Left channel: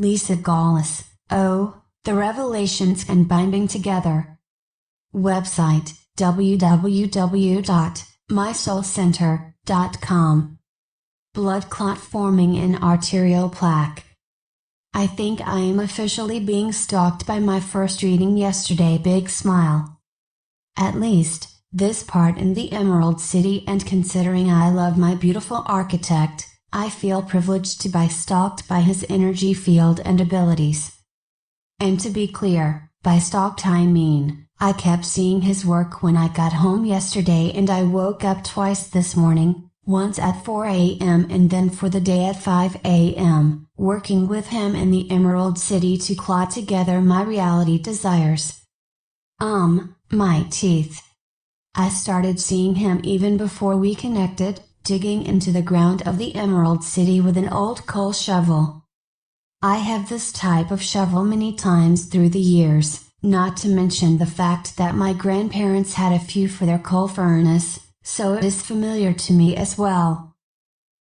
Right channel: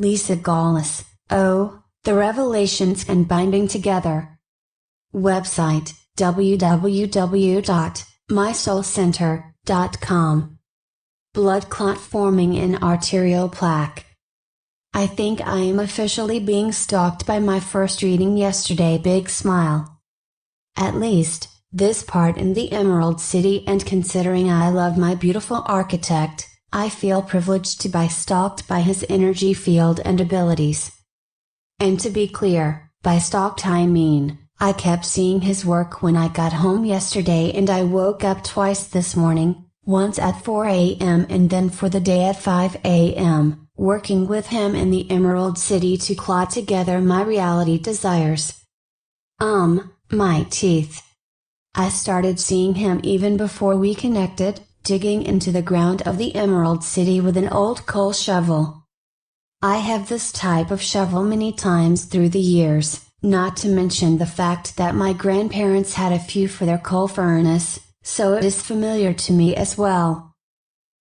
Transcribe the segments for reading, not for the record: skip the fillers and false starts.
Lisa Gawlas. Oh, the revelations and binding together. Website www.mysoulcenter.com. Blood clot forming in arterial plaque. I think I am officially being stalked by my first reading yesterday. Big smile. At least, this part in the Emerald City, and considering I love my beautiful architect, I feel privileged to be stalked by his energy field and abilities. And to be clear, by stalked I mean, I kept seeing his work when I got home yesterday, and I woke up twice this morning, once at 4 a.m. and then for the day at 5 a.m., working with him in the Emerald City to clot together my reality desires. My teeth. I started seeing him even before we connected, digging into the ground of the Emerald City with an old coal shovel. I have this type of shovel many times through the years, not to mention the fact that my grandparents had a few for their coal furnace, so it is familiar to me as well.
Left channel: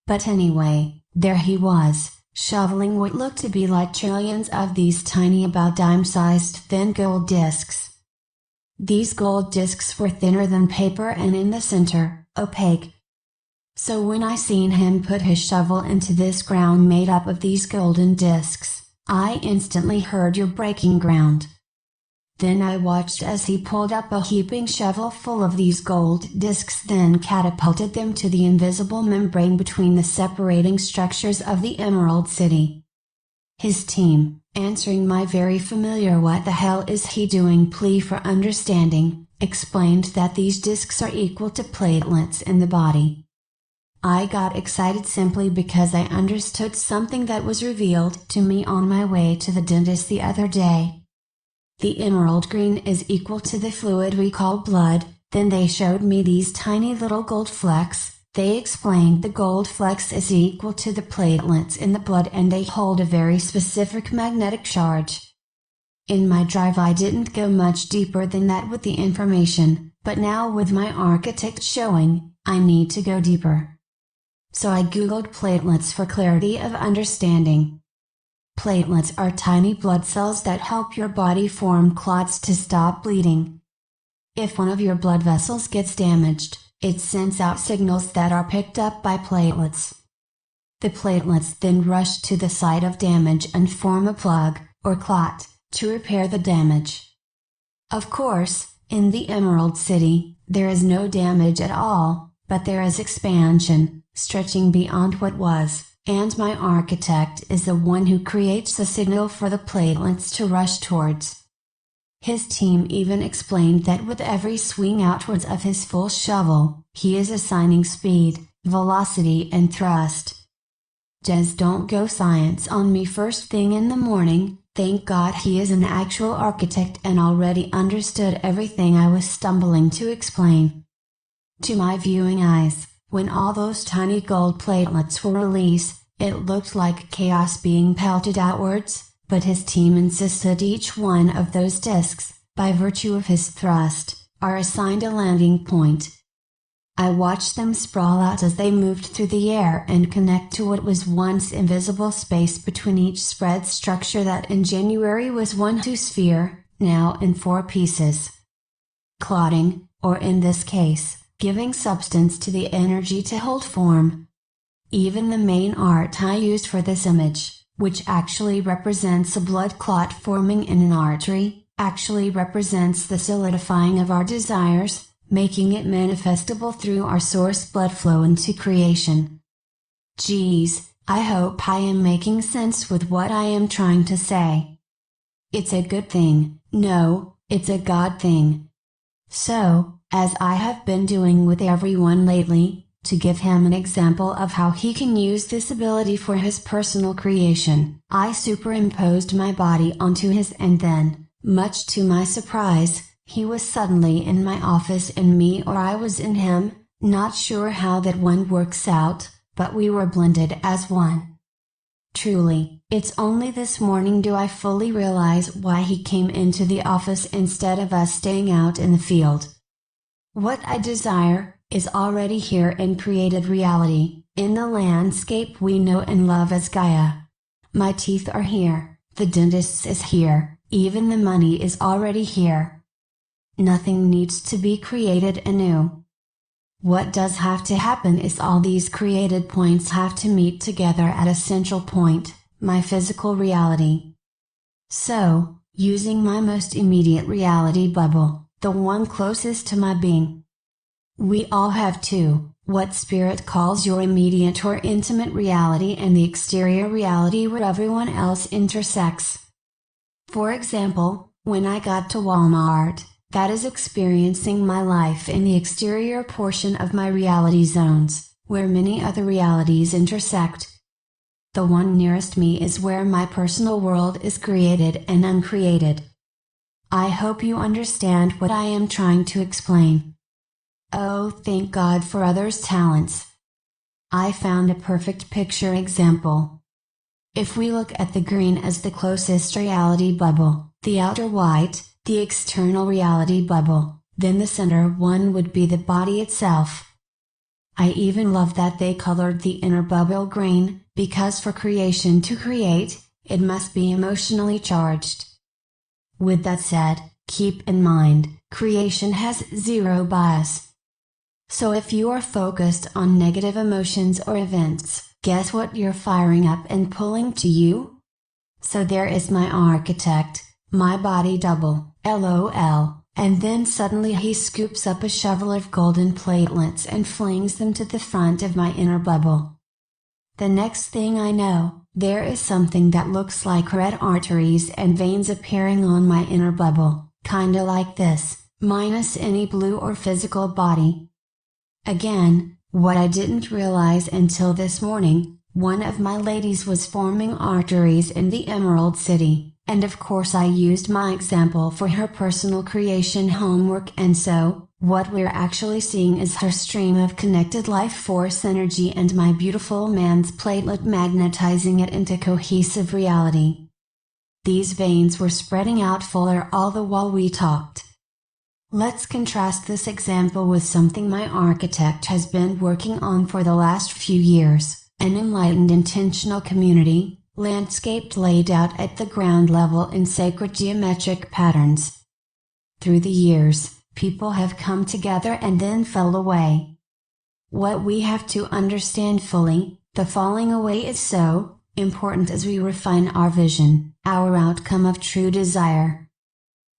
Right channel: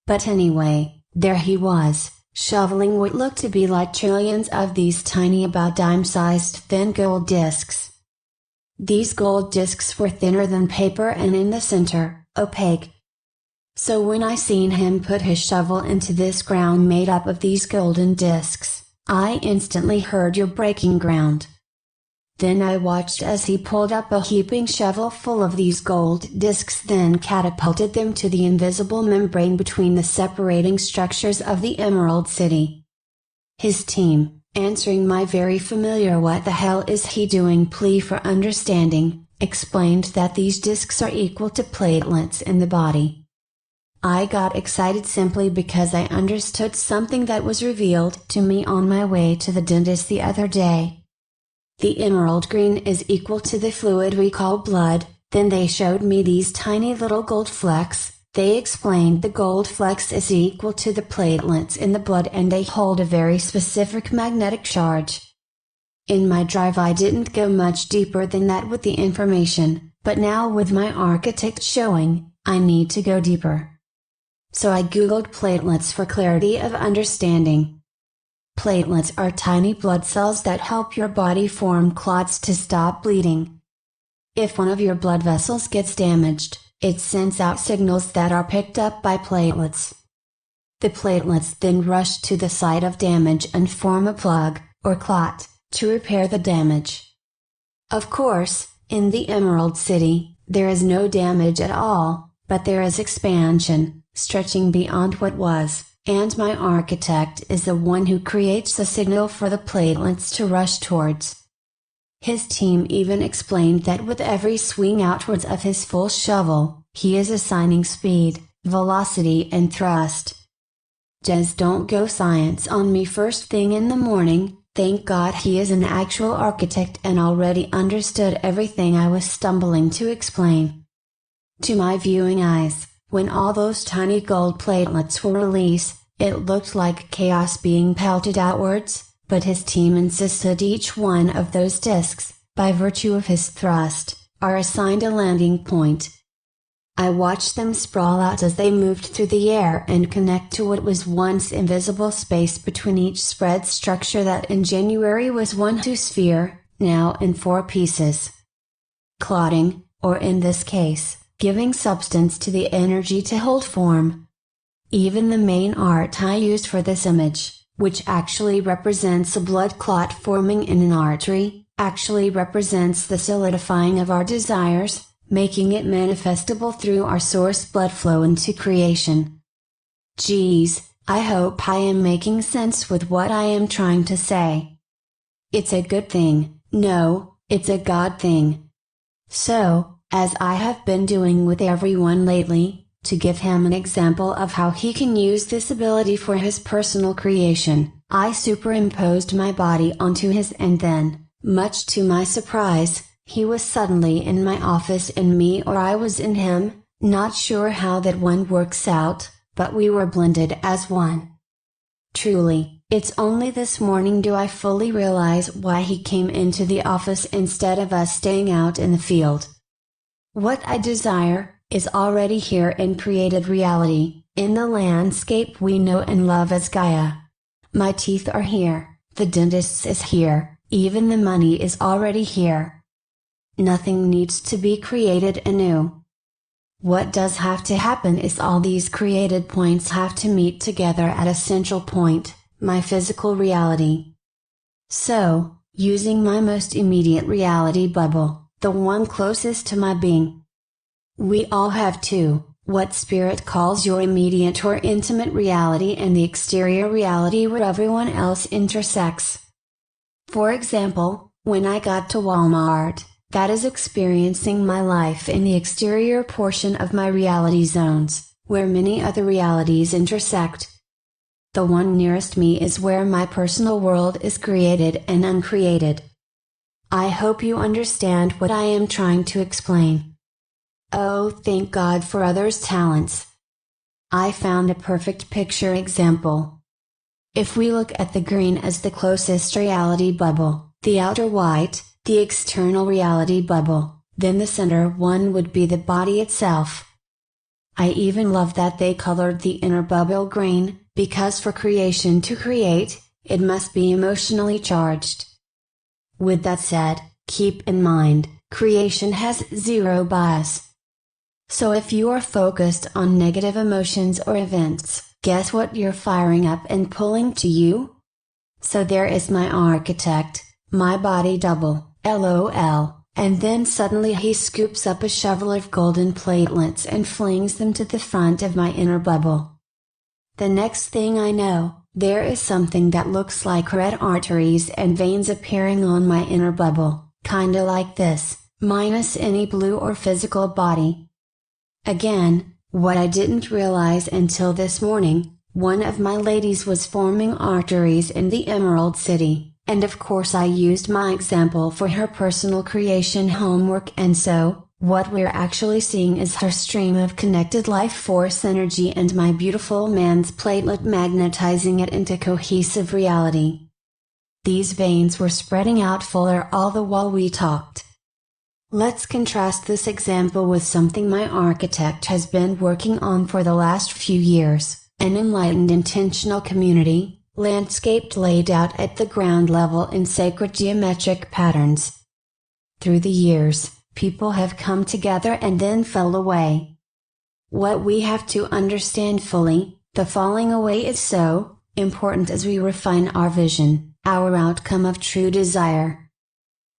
But anyway, there he was, shoveling what looked to be like trillions of these tiny, about dime-sized thin gold discs. These gold discs were thinner than paper and in the center, opaque. So when I seen him put his shovel into this ground made up of these golden discs, I instantly heard you're breaking ground. Then I watched as he pulled up a heaping shovel full of these gold discs, then catapulted them to the invisible membrane between the separating structures of the Emerald City. His team, answering my very familiar "what the hell is he doing" plea for understanding, explained that these discs are equal to platelets in the body. I got excited simply because I understood something that was revealed to me on my way to the dentist the other day. The emerald green is equal to the fluid we call blood. Then they showed me these tiny little gold flecks. They explained the gold flecks is equal to the platelets in the blood, and they hold a very specific magnetic charge. In my drive I didn't go much deeper than that with the information, but now with my architect showing, I need to go deeper. So I googled platelets for clarity of understanding. Platelets are tiny blood cells that help your body form clots to stop bleeding. If one of your blood vessels gets damaged, it sends out signals that are picked up by platelets. The platelets then rush to the site of damage and form a plug, or clot, to repair the damage. Of course, in the Emerald City, there is no damage at all, but there is expansion, stretching beyond what was, and my architect is the one who creates the signal for the platelets to rush towards. His team even explained that with every swing outwards of his full shovel, he is assigning speed, velocity and thrust. Just don't go science on me first thing in the morning. Thank God he is an actual architect and already understood everything I was stumbling to explain. To my viewing eyes, when all those tiny gold platelets were released, it looked like chaos being pelted outwards. But his team insisted each one of those discs, by virtue of his thrust, are assigned a landing point. I watched them sprawl out as they moved through the air and connect to what was once invisible space between each spread structure that in January was one sphere, now in 4 pieces. Clotting, or in this case, giving substance to the energy to hold form. Even the main art I used for this image, which actually represents a blood clot forming in an artery, actually represents the solidifying of our desires, making it manifestable through our source blood flow into creation. Geez, I hope I am making sense with what I am trying to say. It's a good thing, no, it's a God thing. So, as I have been doing with everyone lately, to give him an example of how he can use this ability for his personal creation, I superimposed my body onto his, and then, much to my surprise, he was suddenly in my office in me, or I was in him. Not sure how that one works out, but we were blended as one. Truly, it's only this morning do I fully realize why he came into the office instead of us staying out in the field. What I desire is already here in created reality, in the landscape we know and love as Gaia. My teeth are here, the dentist is here, even the money is already here. Nothing needs to be created anew. What does have to happen is all these created points have to meet together at a central point, my physical reality. So, using my most immediate reality bubble, the one closest to my being. We all have two, what Spirit calls your immediate or intimate reality and the exterior reality where everyone else intersects. For example, when I got to Walmart, that is experiencing my life in the exterior portion of my reality zones, where many other realities intersect. The one nearest me is where my personal world is created and uncreated. I hope you understand what I am trying to explain. Oh, thank God for others' talents. I found a perfect picture example. If we look at the green as the closest reality bubble, the outer white, the external reality bubble, then the center one would be the body itself. I even love that they colored the inner bubble green, because for creation to create, it must be emotionally charged. With that said, keep in mind, creation has zero bias. So if you are focused on negative emotions or events, guess what you're firing up and pulling to you? So there is my architect, my body double, LOL, and then suddenly he scoops up a shovel of golden platelets and flings them to the front of my inner bubble. The next thing I know, there is something that looks like red arteries and veins appearing on my inner bubble, kinda like this, minus any blue or physical body. Again, what I didn't realize until this morning, one of my ladies was forming arteries in the Emerald City, and of course I used my example for her personal creation homework, and so, what we're actually seeing is her stream of connected life force energy and my beautiful man's platelet magnetizing it into cohesive reality. These veins were spreading out fuller all the while we talked. Let's contrast this example with something my architect has been working on for the last few years, an enlightened intentional community, landscaped laid out at the ground level in sacred geometric patterns. Through the years, people have come together and then fell away. What we have to understand fully, the falling away is so important as we refine our vision, our outcome of true desire.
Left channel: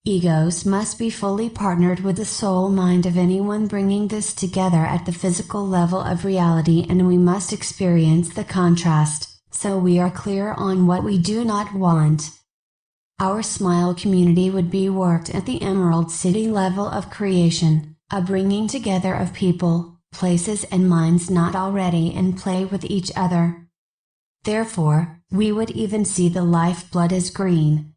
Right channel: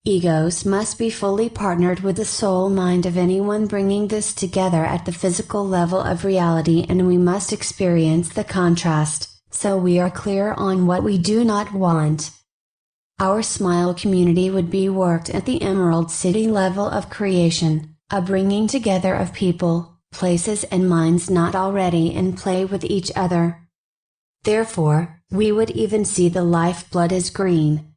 Egos must be fully partnered with the soul mind of anyone bringing this together at the physical level of reality, and we must experience the contrast, so we are clear on what we do not want. Our smile community would be worked at the Emerald City level of creation, a bringing together of people, places and minds not already in play with each other. Therefore, we would even see the lifeblood is green.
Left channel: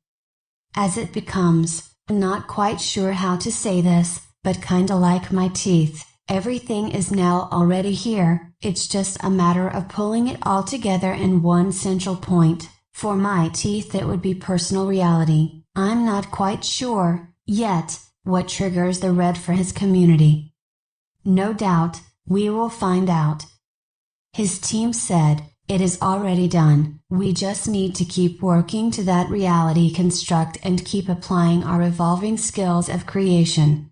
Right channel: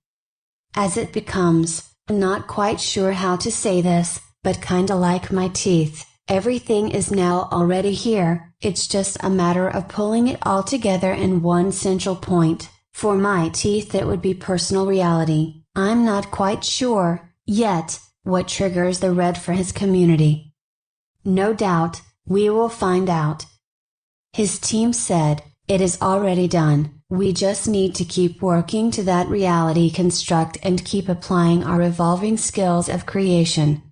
As it becomes, I'm not quite sure how to say this, but kinda like my teeth, everything is now already here, it's just a matter of pulling it all together in one central point. For my teeth it would be personal reality. I'm not quite sure, yet, what triggers the red for his community. No doubt, we will find out. His team said, it is already done, we just need to keep working to that reality construct and keep applying our evolving skills of creation.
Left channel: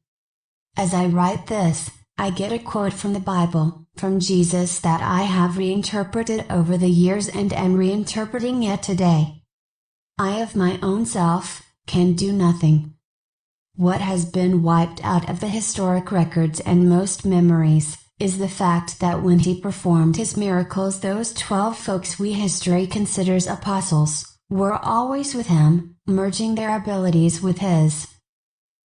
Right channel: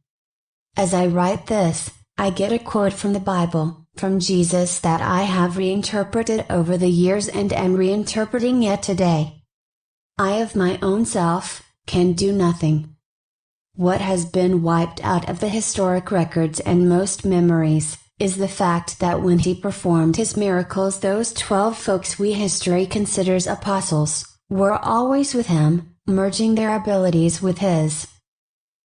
As I write this, I get a quote from the Bible, from Jesus that I have reinterpreted over the years and am reinterpreting yet today. I of my own self, can do nothing. What has been wiped out of the historic records and most memories, is the fact that when he performed his miracles those 12 folks we history considers apostles, were always with him, merging their abilities with his.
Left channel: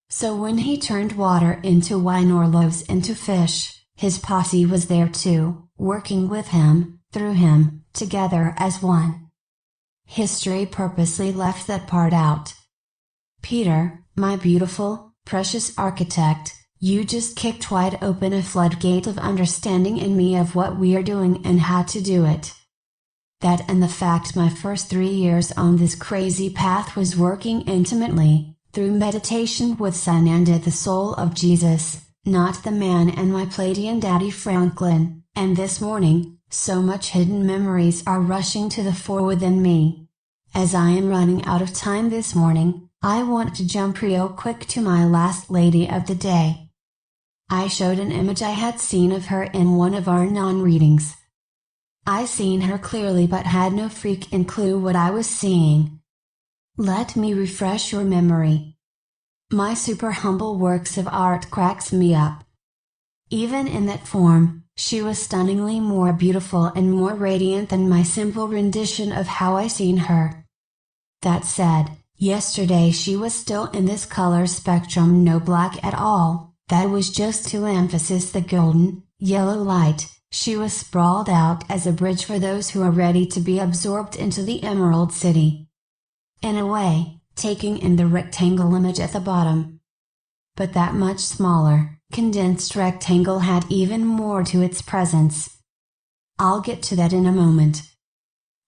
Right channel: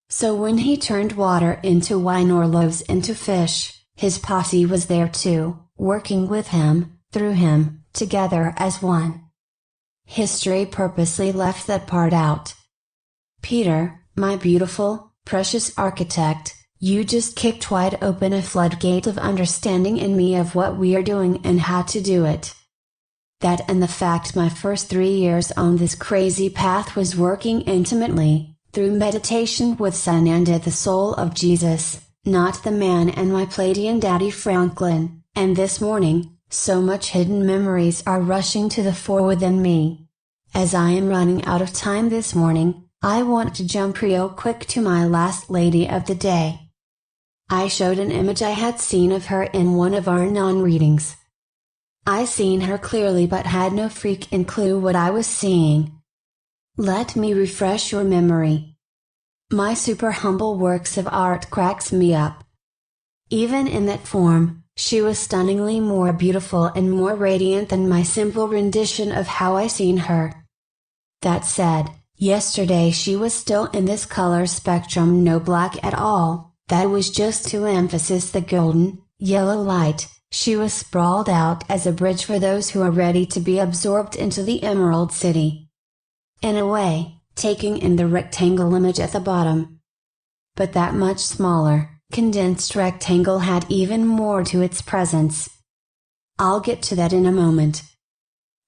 So when he turned water into wine or loaves into fish, his posse was there too, working with him, through him, together as one. History purposely left that part out. Peter, my beautiful, precious architect, you just kicked wide open a floodgate of understanding in me of what we are doing and how to do it. That and the fact my first 3 years on this crazy path was working intimately, through meditation with Sananda, the soul of Jesus, not the man and my Palladian daddy Franklin, and this morning, so much hidden memories are rushing to the fore within me, As I am running out of time this morning, I want to jump real quick to my last lady of the day. I showed an image I had seen of her in one of our non-readings. I seen her clearly but had no freaking clue what I was seeing. Let me refresh your memory. My super humble works of art cracks me up. Even in that form, she was stunningly more beautiful and more radiant than my simple rendition of how I seen her. That said, yesterday she was still in this color spectrum, no black at all. That was just to emphasize the golden, yellow light. She was sprawled out as a bridge for those who are ready to be absorbed into the Emerald City. In a way, taking in the rectangle image at the bottom. But that much smaller, condensed rectangle had even more to its presence. I'll get to that in a moment.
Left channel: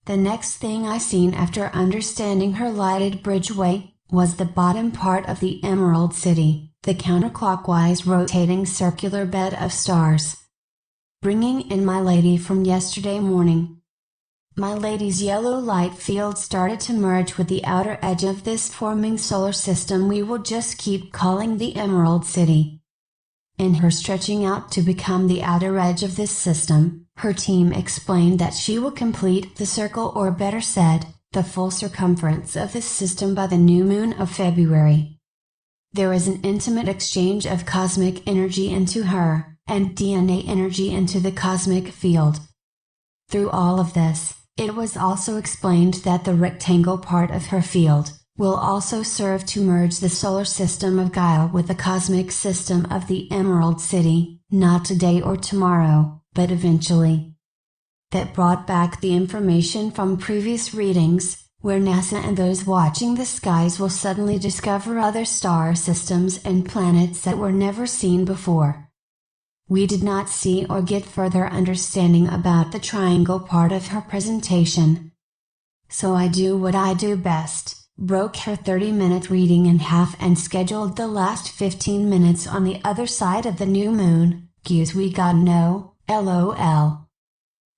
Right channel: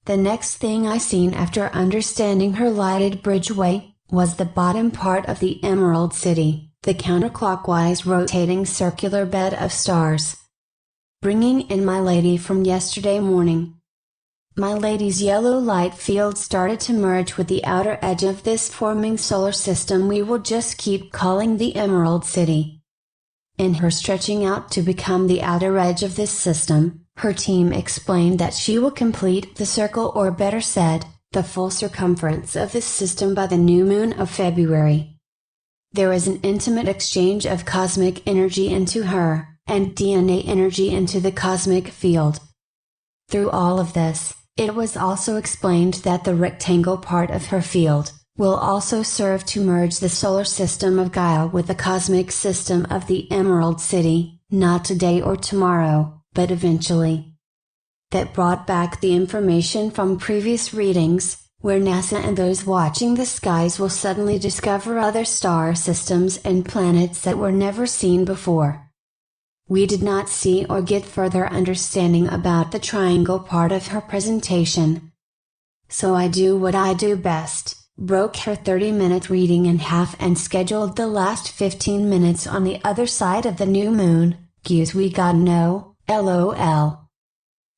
The next thing I seen after understanding her lighted bridgeway, was the bottom part of the Emerald City, the counterclockwise rotating circular bed of stars. Bringing in my lady from yesterday morning. My lady's yellow light field started to merge with the outer edge of this forming solar system we will just keep calling the Emerald City. In her stretching out to become the outer edge of this system, her team explained that she will complete the circle, or better said, the full circumference of this system by the new moon of February. There is an intimate exchange of cosmic energy into her, and DNA energy into the cosmic field. Through all of this, it was also explained that the rectangle part of her field will also serve to merge the solar system of Gaia with the cosmic system of the Emerald City, not today or tomorrow, but eventually. That brought back the information from previous readings, where NASA and those watching the skies will suddenly discover other star systems and planets that were never seen before. We did not see or get further understanding about the triangle part of her presentation. So I do what I do best, broke her 30-minute reading in half and scheduled the last 15 minutes on the other side of the new moon. Cues we got no, LOL.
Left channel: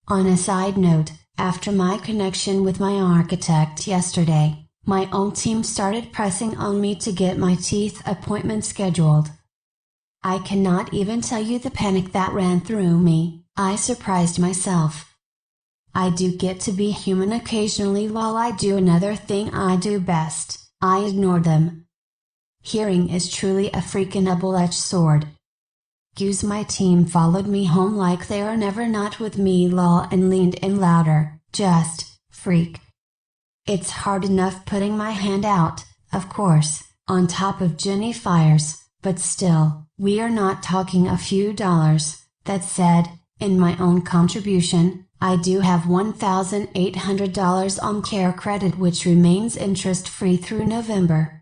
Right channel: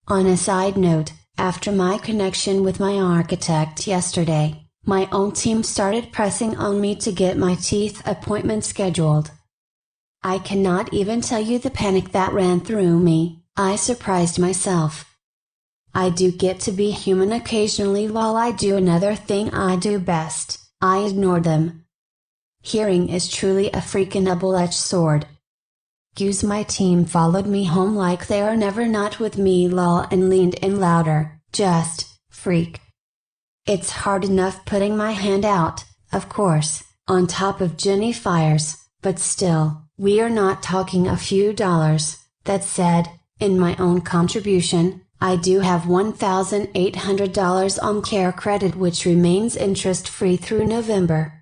On a side note, after my connection with my architect yesterday, my own team started pressing on me to get my teeth appointment scheduled. I cannot even tell you the panic that ran through me. I surprised myself. I do get to be human occasionally while I do another thing I do best, I ignore them. Hearing is truly a freaking double-edged sword. Use my team followed me home like they are never not with me lol and leaned in louder, just, freak. It's hard enough putting my hand out, of course, on top of Jenny Fires, but still. We are not talking a few dollars. That said, in my own contribution, I do have $1,800 on care credit which remains interest-free through November.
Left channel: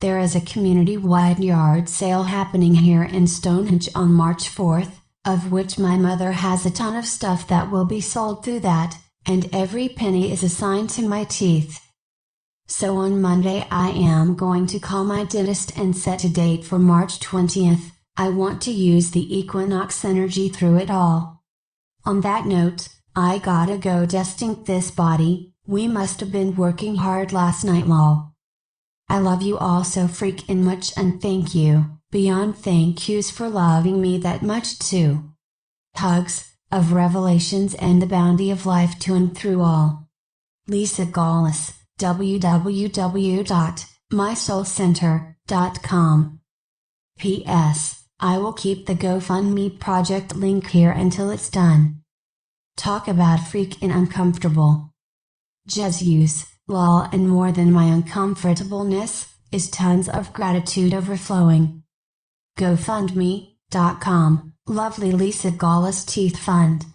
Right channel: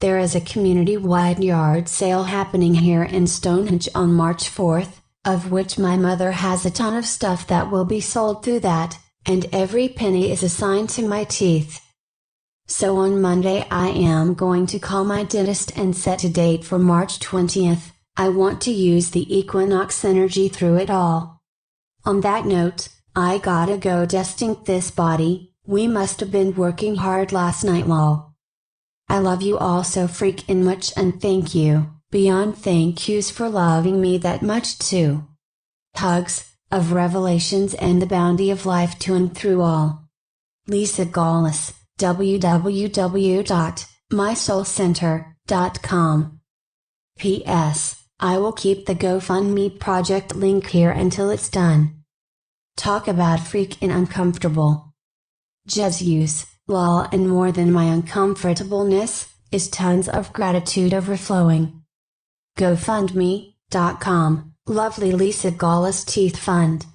There is a community-wide yard sale happening here in Stonehenge on March 4th, of which my mother has a ton of stuff that will be sold through that, and every penny is assigned to my teeth. So on Monday I am going to call my dentist and set a date for March 20th, I want to use the equinox energy through it all. On that note, I gotta go dusting this body, we must have been working hard last night lol. I love you all so freaking much and thank you, beyond thank yous for loving me that much too. Hugs, of revelations and the bounty of life to and through all. Lisa Gawlas. www.mysoulcenter.com. P.S. I will keep the GoFundMe project link here until it's done. Talk about freaking uncomfortable. Jesus, lol, and more than my uncomfortableness, is tons of gratitude overflowing. GoFundMe.com, lovely Lisa Gawlas Teeth Fund.